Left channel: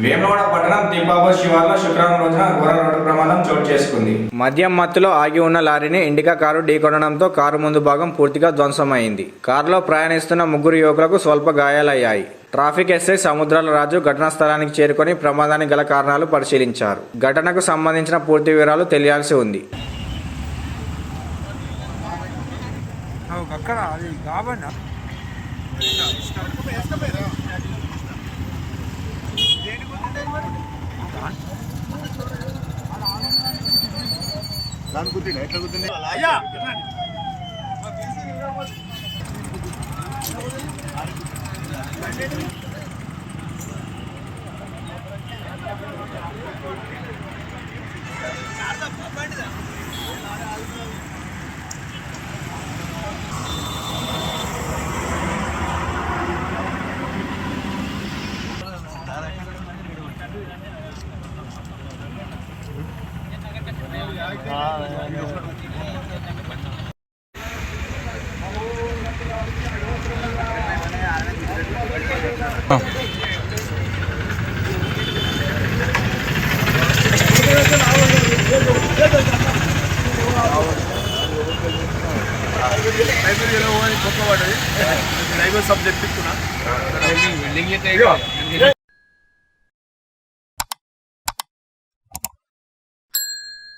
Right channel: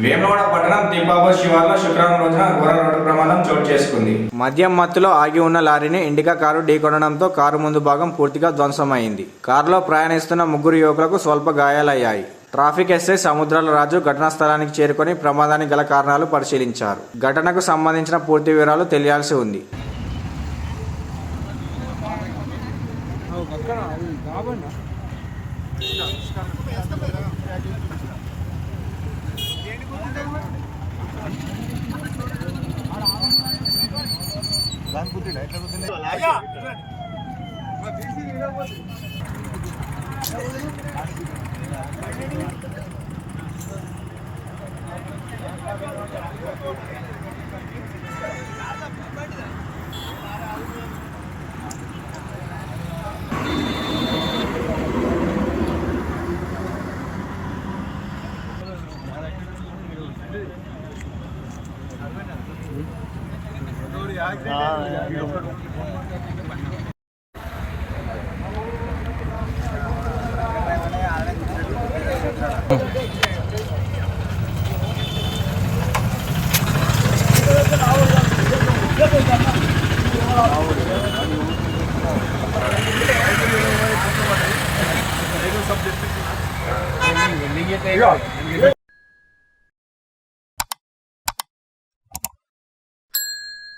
వేములవాడ పట్టణం తిప్పాపూర్ శివార్లో శుక్రవారం రోజున ఘోర రోడ్డు ప్రమాదం చోటు చేసుకుంది. మద్యం మత్తులో ఆగి ఉన్న లారీని ఇండికా కారు ఢీకొనడంతో కారు ముందు భాగం పూర్తిగా ధ్వంసమైంది. కారులో ప్రయాణిస్తున్న ముగ్గురు యువకులకు స్వల్ప గాయాలయ్యాయి. ట్రాఫిక్ ఎస్ఐ సముద్రాల రాజు ఘటనా స్థలానికి చేరుకొని ప్రమాదానికి గల కారణాలు పరిశీలించారు. ఘటనకు సంబంధించిన పూర్తి వివరాలు తెలియాల్సి ఉంది. सब